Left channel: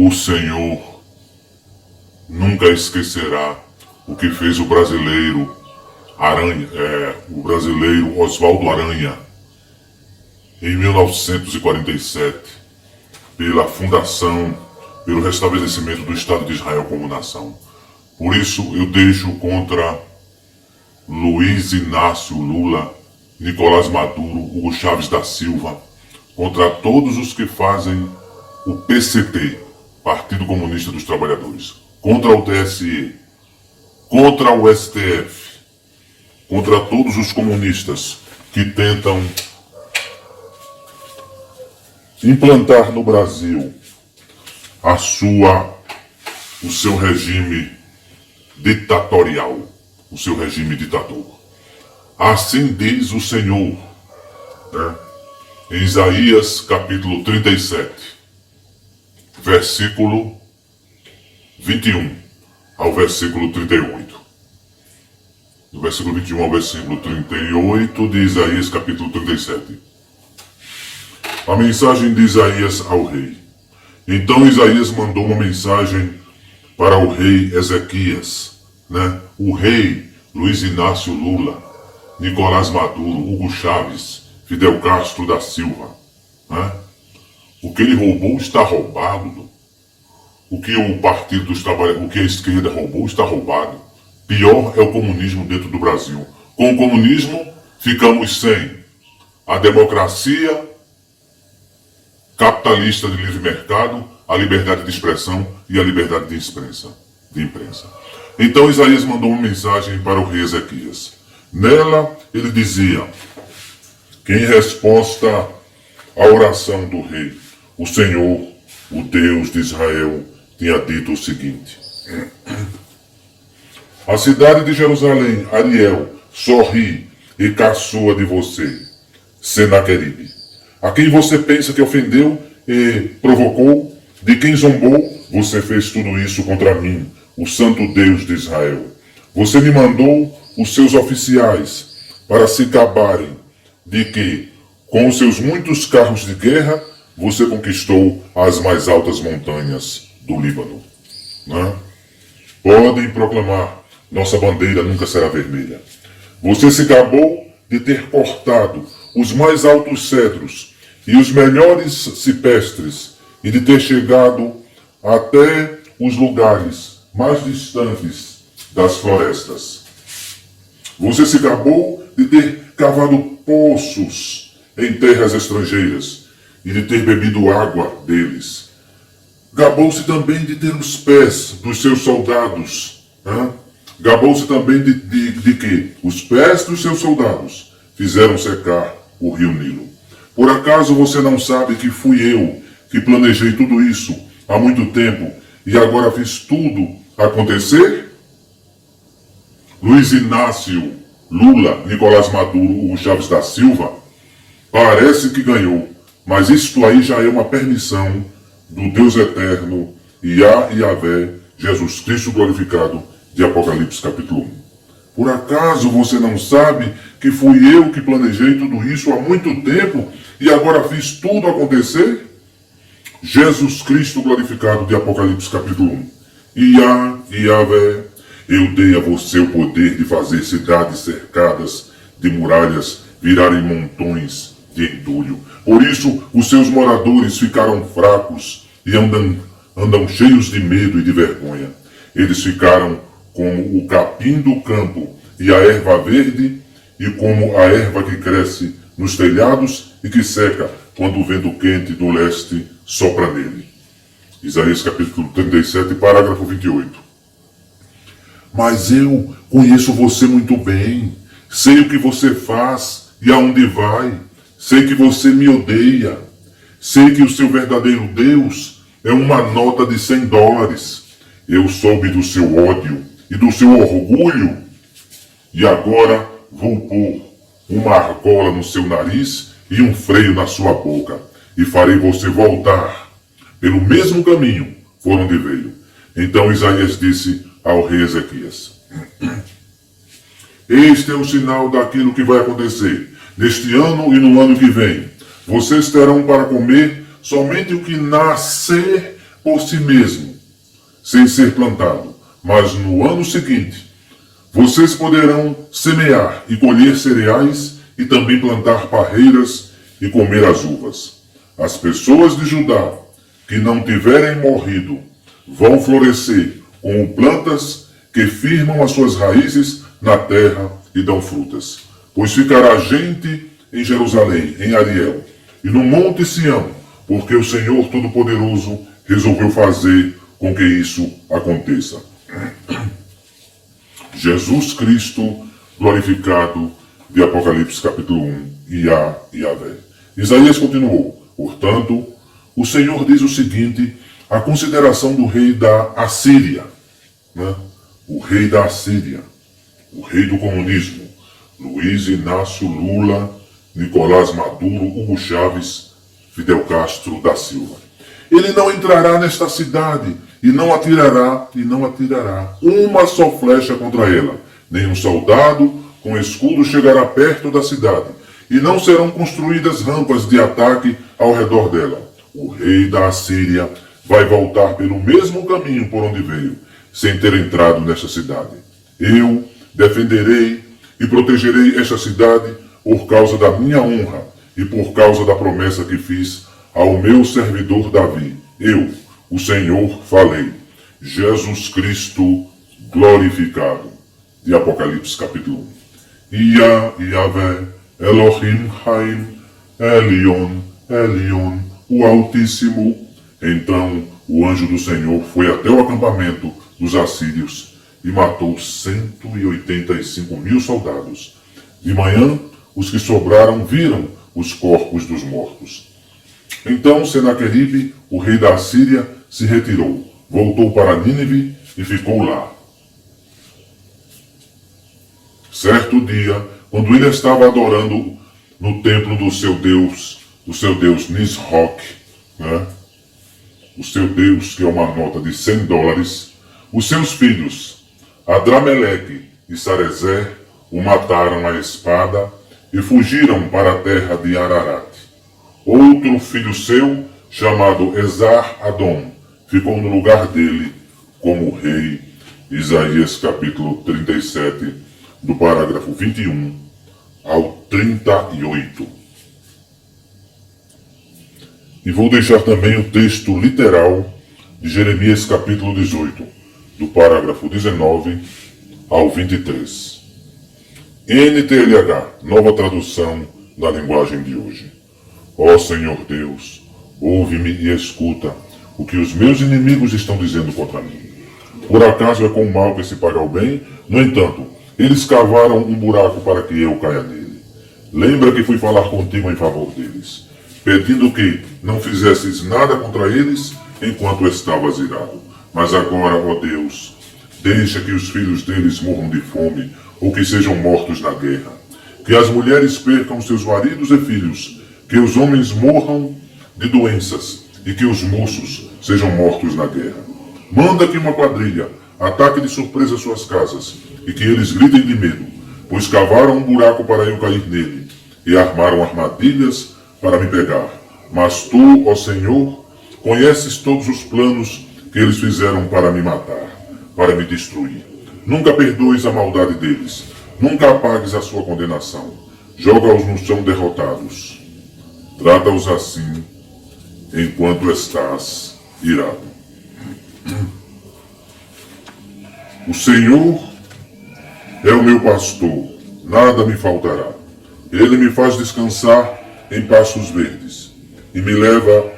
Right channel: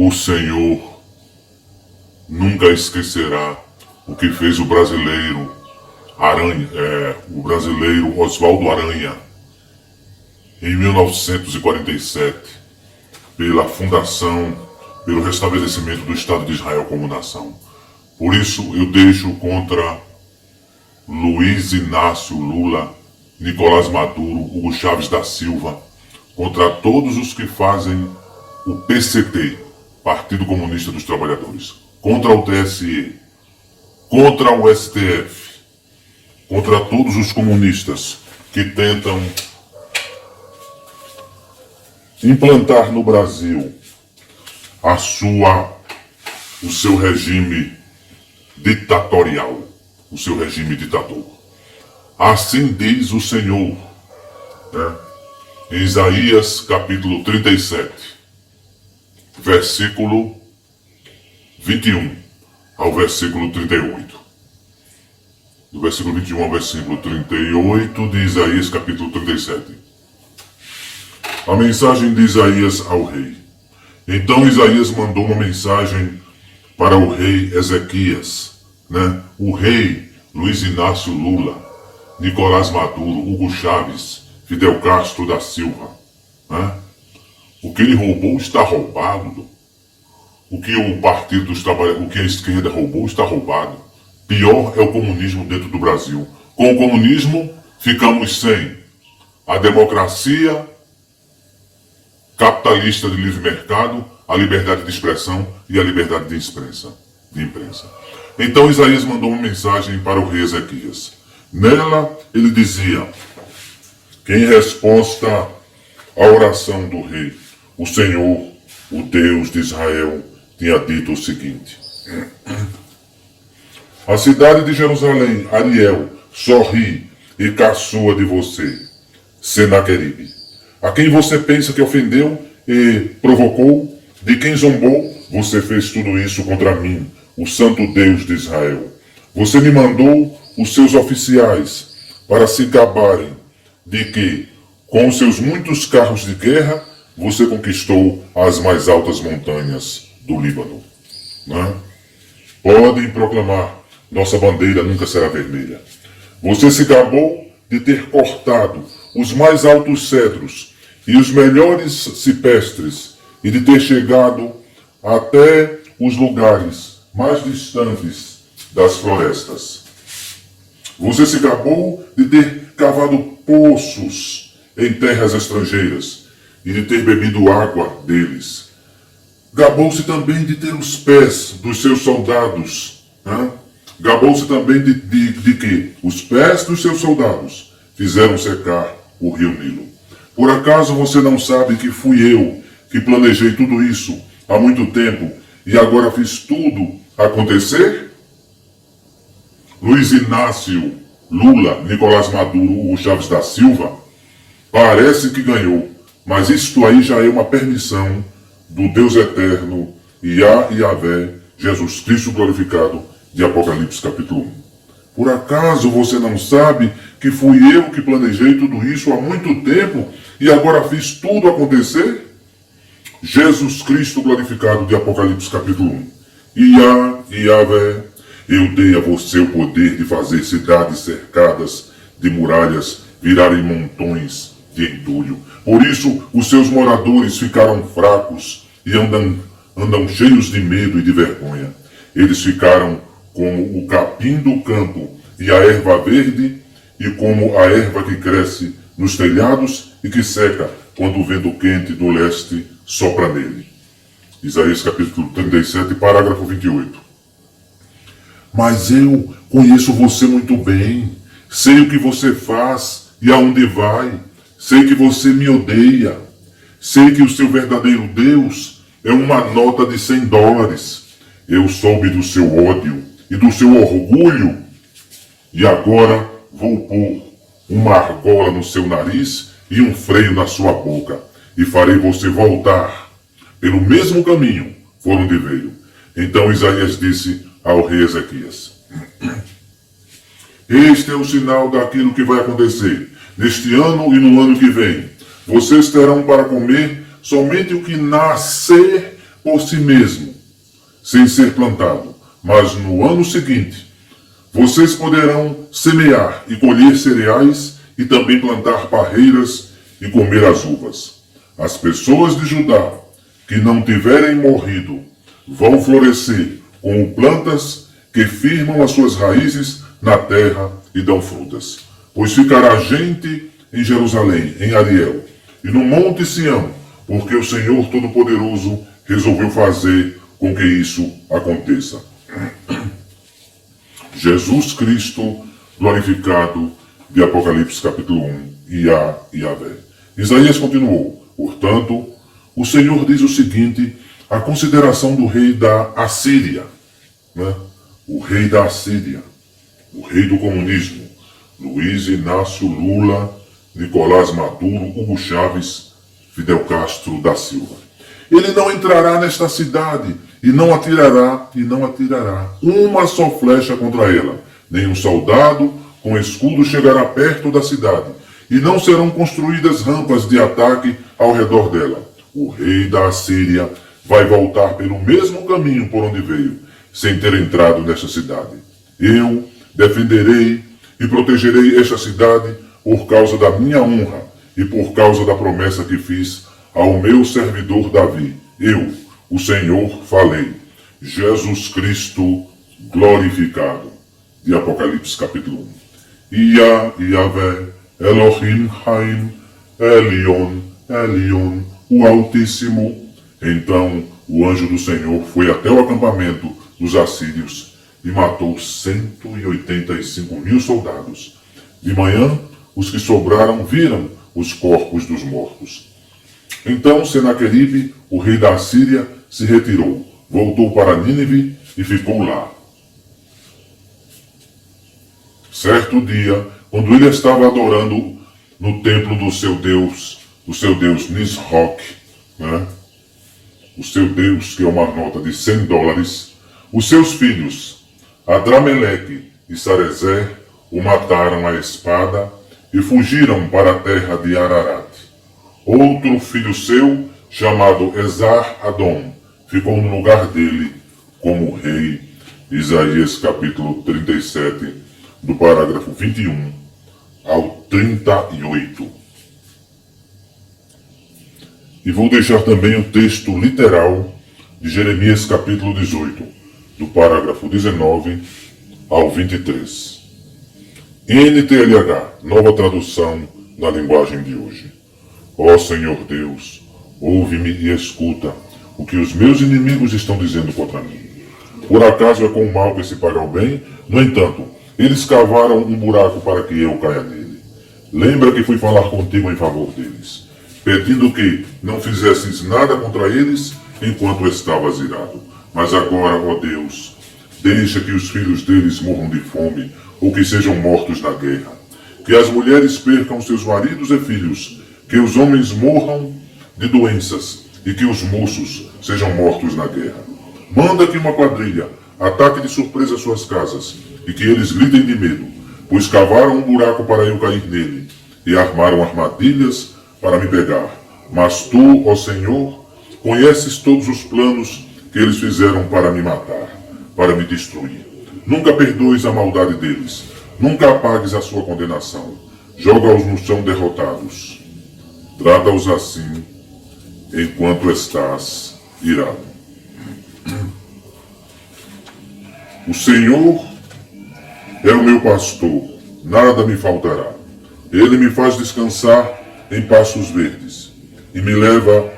O Senhor nunca esquecerá o que fez o brasileiro Oswaldo Aranha em 1947 pela fundação, pelo restabelecimento do Estado de Israel como nação. Por isso eu deixo contra Luiz Inácio Lula, Nicolás Maduro, Hugo Chávez da Silva, contra todos os que fazem o PCT, Partido Comunista dos Trabalhadores, contra o TSE, contra o STF, contra todos os comunistas que tentam implantar no Brasil o seu regime ditatorial, o seu regime ditador. Assim diz o Senhor, em Isaías capítulo 37, versículo 21 ao versículo 38. Do versículo 21 ao versículo 38 de Isaías capítulo 37. A mensagem de Isaías ao rei. Então Isaías mandou uma mensagem para o rei Ezequias, o rei Luiz Inácio Lula, Nicolás Maduro, Hugo Chávez, Fidel Castro da Silva. O que ele roubou está roubado. O que o Partido dos Trabalhadores, o que a esquerda roubou está roubado. Pior é o comunismo dentro do Brasil. Com o comunismo ficamos sem a democracia capitalista de livre mercado, a liberdade de expressão e a liberdade de imprensa. Então Isaías mandou uma mensagem para o rei Ezequias. Nela ele dizia que em resposta à oração do rei, o Senhor, o Deus de Israel, tinha dito o seguinte: a cidade de Jerusalém, Ariel, sorri e caçoa de você, Senaqueribe, a quem você pensa que ofendeu e provocou, de quem zombou, você fez tudo isso contra mim, o santo Deus de Israel. Você me mandou os seus oficiais para se gabarem de que, com os seus muitos carros de guerra, você conquistou as mais altas montanhas do Líbano. Podem proclamar, nossa bandeira nunca será vermelha. Você se gabou de ter cortado os mais altos cedros e os melhores cipestres e de ter chegado até os lugares mais distantes das florestas. Você se gabou de ter cavado poços em terras estrangeiras e de ter bebido água deles. Gabou-se também de ter os pés dos seus soldados. Gabou-se também de que os pés dos seus soldados fizeram secar o rio Nilo. Por acaso você não sabe que fui eu que planejei tudo isso há muito tempo e agora fiz tudo acontecer? Luiz Inácio Lula, Nicolás Maduro, Hugo Chávez da Silva, parece que ganhou, mas isto aí já é uma permissão do Deus eterno, Yahvé, Jesus Cristo glorificado, de Apocalipse capítulo 1. Por acaso você não sabe que fui eu que planejei tudo isso há muito tempo e agora fiz tudo acontecer? Jesus Cristo glorificado, de Apocalipse capítulo 1. Yahvé, eu dei a você o poder de fazer cidades cercadas de muralhas virarem montões de entulho. Por isso os seus moradores ficaram fracos e andam cheios de medo e de vergonha. Eles ficaram como o capim do campo e a erva verde, e como a erva que cresce nos telhados e que seca quando o vento quente do leste sopra nele. Isaías capítulo 37, parágrafo 28. Mas eu conheço você muito bem, sei o que você faz e aonde vai, sei que você me odeia, sei que o seu verdadeiro Deus é uma nota de $100. Eu soube do seu ódio e do seu orgulho, e agora vou pôr uma argola no seu nariz e um freio na sua boca, e farei você voltar pelo mesmo caminho por onde veio. Então Isaías disse ao rei Ezequias: este é o sinal daquilo que vai acontecer neste ano e no ano que vem. Vocês terão para comer somente o que nascer por si mesmo, sem ser plantado, mas no ano seguinte vocês poderão semear e colher cereais e também plantar parreiras e comer as uvas. As pessoas de Judá que não tiverem morrido vão florescer como plantas que firmam as suas raízes na terra e dão frutas. Pois ficará gente em Jerusalém, em Ariel, e no monte Sião, porque o Senhor Todo-Poderoso resolveu fazer com que isso aconteça. Jesus Cristo glorificado, de Apocalipse capítulo 1, Yahvé. Isaías continuou: portanto, o Senhor diz o seguinte, a consideração do rei da Assíria, né? O rei da Assíria, o rei do comunismo, Luiz Inácio Lula, Nicolás Maduro, Hugo Chávez, Fidel Castro da Silva. Ele não entrará nesta cidade e não atirará uma só flecha contra ela. Nenhum soldado com escudo chegará perto da cidade, e não serão construídas rampas de ataque ao redor dela. O rei da Assíria vai voltar pelo mesmo caminho por onde veio, sem ter entrado nesta cidade. Eu defenderei e protegerei esta cidade por causa da minha honra e por causa da promessa que fiz ao meu servidor Davi. Eu, o Senhor, falei. Jesus Cristo glorificado. De Apocalipse capítulo 1. Yahvé, Elohim Haim, Elion, o Altíssimo. Então o anjo do Senhor foi até o acampamento dos assírios e matou 185.000 soldados. De manhã, os que sobraram viram os corpos dos mortos. Então Senaqueribe, o rei da Assíria, se retirou, voltou para Nínive e ficou lá. Certo dia, quando ele estava adorando no templo do seu Deus Nisroch, né? O seu Deus, que é uma nota de $100, os seus filhos, Adrameleque e Sarezer, o mataram à espada e fugiram para a terra de Ararat. Outro filho seu, chamado Esar-Adom, ficou no lugar dele como rei. Isaías capítulo 37, do parágrafo 21 ao 38. E vou deixar também o texto literal de Jeremias capítulo 18, do parágrafo 19 ao 23. NTLH, nova tradução na linguagem de hoje. Ó Senhor Deus, ouve-me e escuta o que os meus inimigos estão dizendo contra mim. Por acaso é com o mal que se paga o bem? No entanto, eles cavaram um buraco para que eu caia nele. Lembra que fui falar contigo em favor deles, pedindo que não fizesses nada contra eles enquanto estavas irado. Mas agora, ó Deus, deixa que os filhos deles morram de fome ou que sejam mortos na guerra. Que as mulheres percam seus maridos e filhos, que os homens morram de doenças e que os moços sejam mortos na guerra. Manda que uma quadrilha ataque de surpresa suas casas e que eles gritem de medo, pois cavaram um buraco para eu cair nele e armaram armadilhas para me pegar. Mas tu, ó Senhor, conheces todos os planos que eles fizeram para me matar, para me destruir. Nunca perdoes a maldade deles, nunca apagues a sua condenação. Joga-os no chão derrotados. Trata-os assim enquanto estás irado. O Senhor é o meu pastor, nada me faltará. Ele me faz descansar em pastos verdes e me leva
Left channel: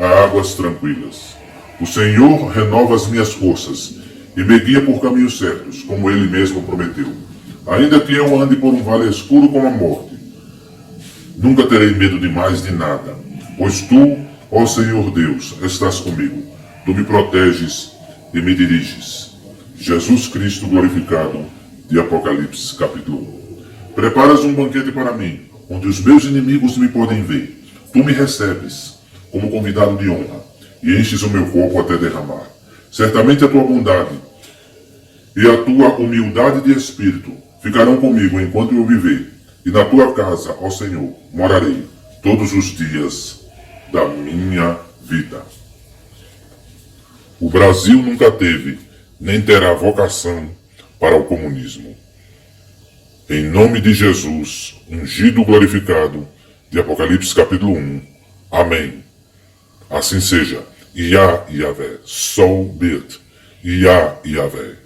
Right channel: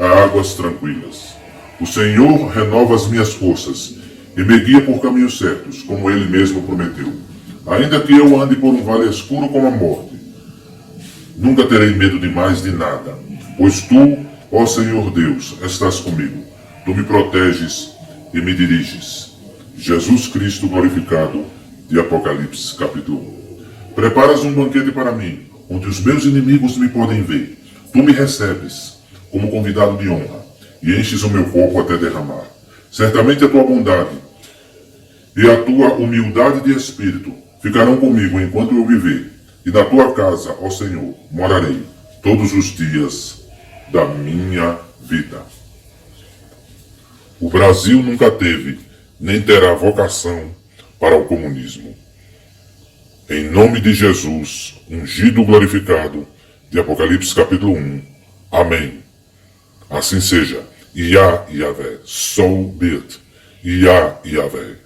a águas tranquilas. O Senhor renova as minhas forças e me guia por caminhos certos, como Ele mesmo prometeu. Ainda que eu ande por um vale escuro como a morte, nunca terei medo de mais de nada, pois Tu, ó Senhor Deus, estás comigo. Tu me proteges e me diriges. Jesus Cristo glorificado, de Apocalipse capítulo 1. Preparas um banquete para mim, onde os meus inimigos me podem ver. Tu me recebes como convidado de honra e enches o meu copo até derramar. Certamente a tua bondade e a tua humildade de espírito ficarão comigo enquanto eu viver, e na tua casa, ó Senhor, morarei todos os dias da minha vida. O Brasil nunca teve, nem terá vocação para o comunismo. Em nome de Jesus, ungido glorificado, de Apocalipse capítulo 1. Amém. Assim seja. Yah Yahvé. So be it. Yah Yahvé.